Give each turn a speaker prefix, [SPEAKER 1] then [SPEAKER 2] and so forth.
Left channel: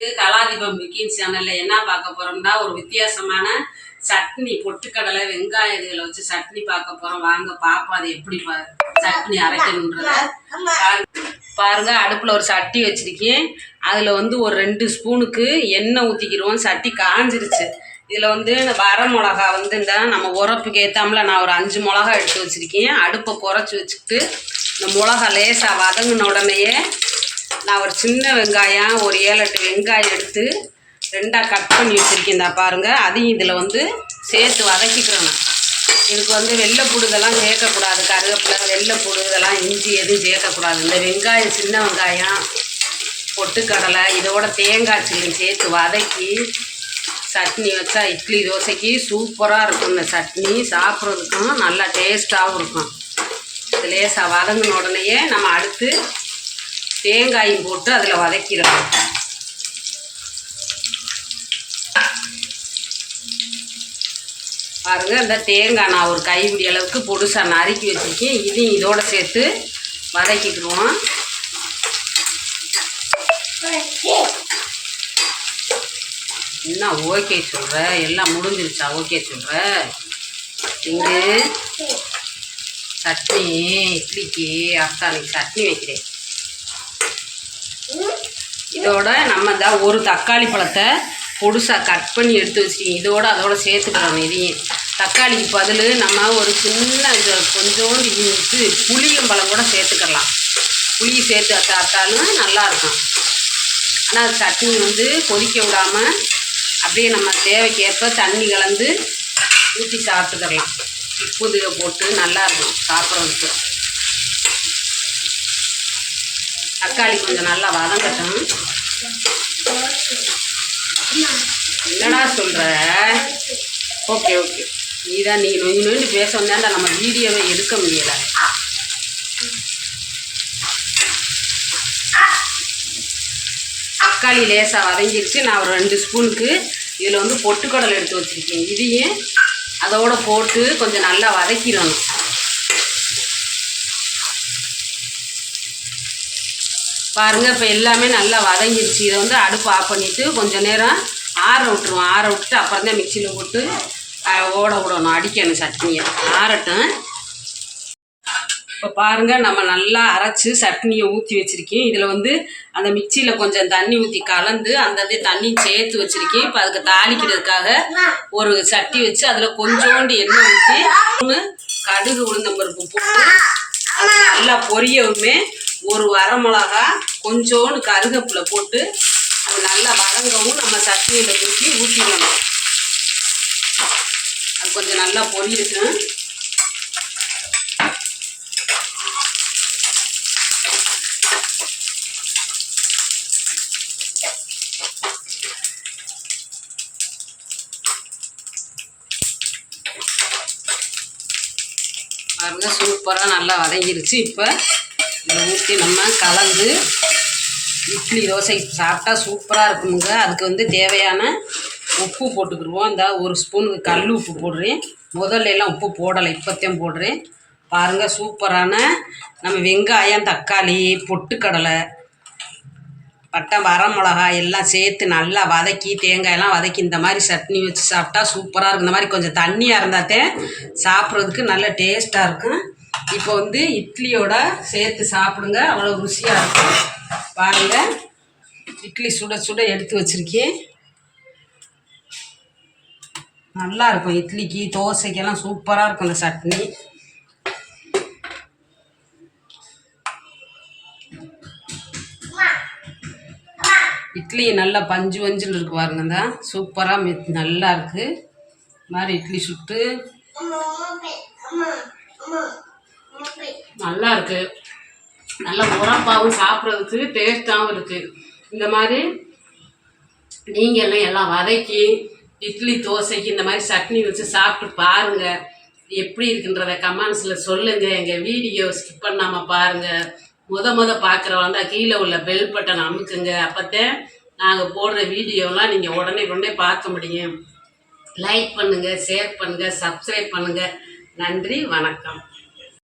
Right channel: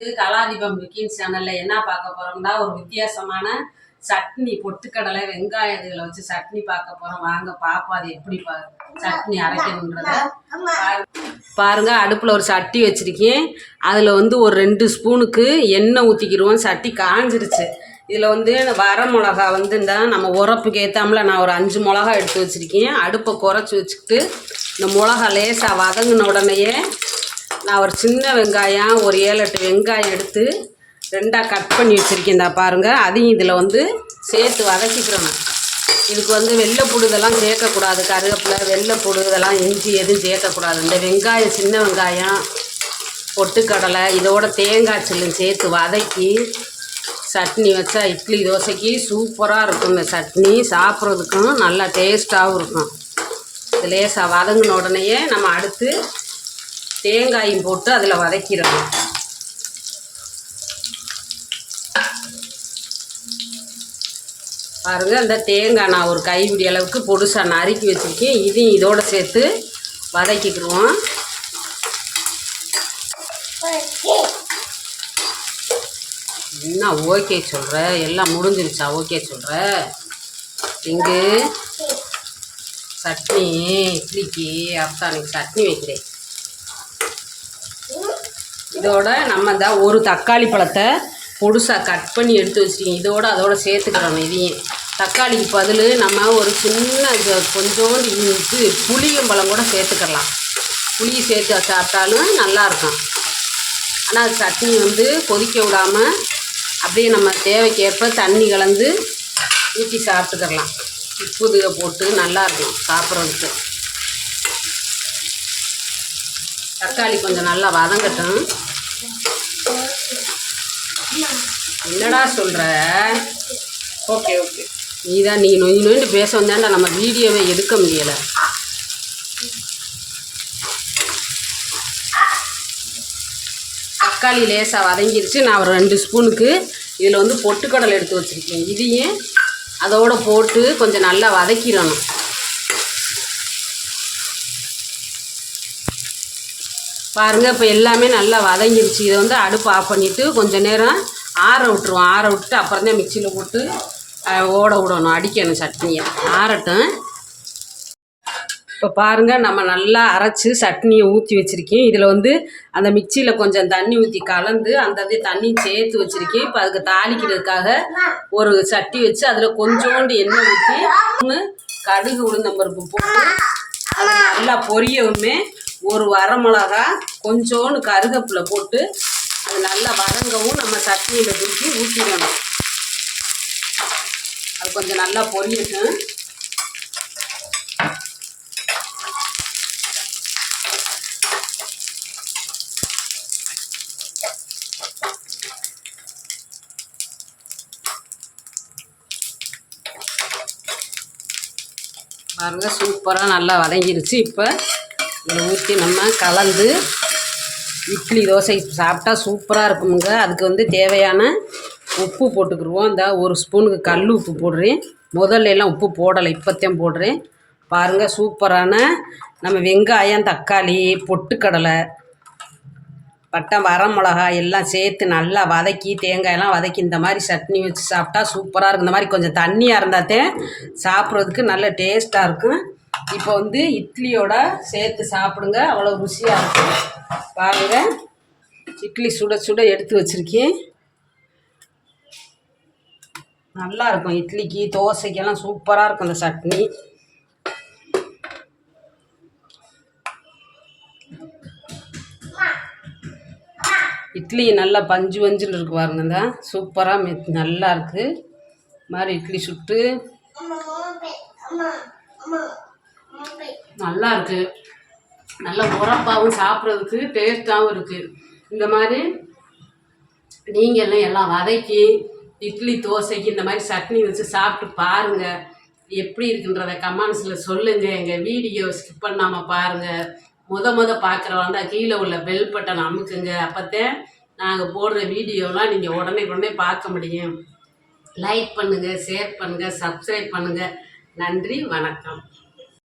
[SPEAKER 1] இது கலாதீபம் பிக்கின் சேனல்ல என்ன பார்க்க போறோம்னா ஒரு வித்தியாசமான சட்னி பொட்டுக்கடலை வெங்காயம் இதுகளை வச்சு சட்னி பார்க்க போறோம். வாங்க பாப்போம். அது எப்படி பா- சட்னி அரைக்கணுன்றத. பாருங்க. பாருங்க அடுப்பில் ஒரு சட்டி வச்சிருக்கேன். அதில் வந்து ஒரு ரெண்டு ஸ்பூனுக்கு எண்ணெய் ஊற்றிக்கிடுவோம் சட்டி காஞ்சிருச்சு. இதில் வந்து வர மிளகா வந்து இந்த நம்ம உரப்புக்கு ஏற்றாமல நான் ஒரு அஞ்சு மிளகா எடுத்து வச்சுருக்கேன். அடுப்பை குறைச்சி வச்சுக்கிட்டு இந்த மிளகா லேசாக வதங்கின உடனேயே நான் ஒரு சின்ன வெங்காயம் ஒரு ஏழு எட்டு வெங்காயம் எடுத்து ரெண்டாக கட் பண்ணி வச்சுருக்கேன் பாருங்கள் அதையும் இதில் வந்து சேர்த்து வதக்கிக்கிறோம் இதுக்கு வந்து வெள்ளைப்பூடு இதெல்லாம் சேர்க்கக்கூடாது. கருவேப்பிலை வெள்ளைப்பூடு இதெல்லாம் இஞ்சி எதுவும் சேர்க்கக்கூடாது. இந்த வெங்காயம் சின்ன வெங்காயம் பொட்டுக்கடலை இதோட தேங்காய் சில்லும் சேர்த்து வதக்கி சட்னி வச்சா இட்லி தோசைக்கு சூப்பராக இருக்கும். இந்த சட்னி சாப்பிட்றதுக்கும் நல்லா டேஸ்ட்டாகவும் இருக்கும். லேசாக வதங்கின உடனேயே நம்ம அடுத்து தேங்காயும் போட்டு அதில் வதக்கிறோம் பாருங்க அந்த தேங்காய் நான் ஒரு கைப்பிடி அளவுக்கு பொடுசாக நறுக்கி வச்சுருக்கேன். இதையும் இதோடு சேர்த்து வதக்கிக்கிடுவோம். என்ன ஓகே சொல்கிற எல்லாம் முடிஞ்சிருச்சா? ஓகே சொல்கிற இங்கு சட்னி இட்லிக்கு அத்தானுக்கு சட்னி வைக்கிறேன். இதோட நம்ம இந்த ஒரு தக்காளி பழத்தை பொடுசாக கட் பண்ணி எடுத்து வச்சுக்கிங்க இதோட அதோட சேர்த்துக்கிறோம் இதையும். தக்காளிக்கு பதில் நம்ம ஒரு சின்ன இது கொஞ்சோண்டு இது புளியும் பழம் கூட சேர்த்துக்கலாம். புளி சேர்த்து சாப்பிட்டாலும் நல்லாயிருக்கும் ஆனால் சட்னி வந்து கொதிக்க விடாமல் அப்படியே நம்ம தேவைக்கேற்ப தண்ணி கலந்து ஊற்றி சாப்பிட்டுக்கலாம். உப்பு இதுக போட்டு நல்லாயிருக்கும் சாப்பிட்றதுக்கு. தக்காளி கொஞ்சம் நல்லா வதங்கட்டும். என்னடா சொல்கிற ஓகே ஓகே. நீ தான் நீ நொய் நொய்னு பேச வந்தேன்டா நம்ம வீடியோவை எடுக்க முடியலை. தக்காளி லேசாக வதங்கிருச்சு நான் ஒரு ரெண்டு ஸ்பூனுக்கு இதில் வந்து பொட்டுக்கடலை எடுத்து வச்சுருக்கேன். இதையும் அதோடு போட்டு கொஞ்சம் நல்லா வதக்கிடணும். பாருங்கள் இப்போ எல்லாமே நல்லா வதங்கிருச்சு. இதை வந்து அடுப்பு ஆஃப் பண்ணிவிட்டு கொஞ்சம் நேரம் ஆற விட்டுருவோம். ஆற விட்டு அப்புறம் தான் மிக்சியில் போட்டு ஓட விடணும். அடிக்கணும் சட்னியை. ஆறட்டும். இப்போ பாருங்கள் நம்ம நல்லா அரைச்சி சட்னியை ஊற்றி வச்சுருக்கேன். இதில் வந்து அந்த மிக்சியில் கொஞ்சம் தண்ணி ஊற்றி கலந்து அந்த இது தண்ணி சேர்த்து வச்சுருக்கேன். இப்போ அதுக்கு தாளிக்கிறதுக்காக ஒரு சட்டி வச்சு அதில் கொஞ்சோண்டு எண்ணெய் ஊற்றி ஒன்று கடுகு உளுந்தம்பருப்பு போட்டு அது நல்லா பொரியவுமே ஒரு வரமிளகா கொஞ்சோண்டு கருகப்பில் போட்டு அது நல்லா வதங்கவும் நம்ம சட்னியில் தூக்கி ஊற்றிடணும் அது கொஞ்சம் நல்லா பொரியட்டும். பாருங்க சூப்பராக நல்லா வதங்கிருச்சு. இப்போ இதை ஊற்றி நம்ம கலந்து இட்லி தோசை சாப்பிட்டா சூப்பராக இருக்குமுங்க. அதுக்கு வந்து தேவையான உப்பு போட்டுக்கிடுவோம் இந்த ஒரு ஸ்பூனுக்கு கல் உப்பு போடுறேன். முதல்ல எல்லாம் உப்பு போடலை இப்போத்தையும் போடுறேன். பாருங்கள் சூப்பரான நம்ம வெங்காயம் தக்காளி பொட்டுக்கடலை பட்டை வரமிளகா எல்லாம் சேர்த்து நல்லா வதக்கி தேங்காயெல்லாம் வதக்கி இந்த மாதிரி சட்னி வச்சு சாப்பிட்டா சூப்பராக இருக்கும். இந்த மாதிரி கொஞ்சம் தண்ணியாக இருந்தாத்தே சாப்பிட்றதுக்கு நல்ல டேஸ்ட்டாக இருக்கும். இப்போ வந்து இட்லியோட சேர்த்து சாப்பிடுங்க. அவ்வளோ ருசியாக இருக்கும். பாருங்கள் இட்லி சுட சுட எடுத்து வச்சுருக்கேன். நல்லா இருக்கும் இட்லிக்கு. தோசைக்கெல்லாம் சூப்பராக இருக்கும் இந்த சட்னி. இட்லி நல்லா பஞ்சு பஞ்சுன்னு இருக்கு பாருங்க இந்த. சூப்பராக மெத் நல்லா இருக்குது இது மாதிரி இட்லி சுட்டு. நல்லா இருக்கு. நல்ல உரப்பாகவும் சாப்பிட்றதுக்கு டேஸ்ட்டாகவும் இருக்குது இந்த மாதிரி நீங்கள் எல்லாம் எல்லாம் வதக்கி இட்லி தோசைக்கு இந்த மாதிரி சட்னி வச்சு சாப்பிட்டு பாருங்கள் எப்படி இருக்குன்றத கமெண்ட்ஸில் சொல்லுங்கள் எங்கள் வீடியோ ஸ்கிப் பண்ணாமல் பாருங்கள் முத முத பார்க்குறவங்க கீழே உள்ள பெல் பட்டன் அமுக்குங்க. அப்போத்தான் நாங்கள் போடுற வீடியோலாம் நீங்கள் உடனே உடனே பார்க்க முடியும். லைக் பண்ணுங்கள் ஷேர் பண்ணுங்கள் சப்ஸ்கிரைப் பண்ணுங்கள் நன்றி வணக்கம்.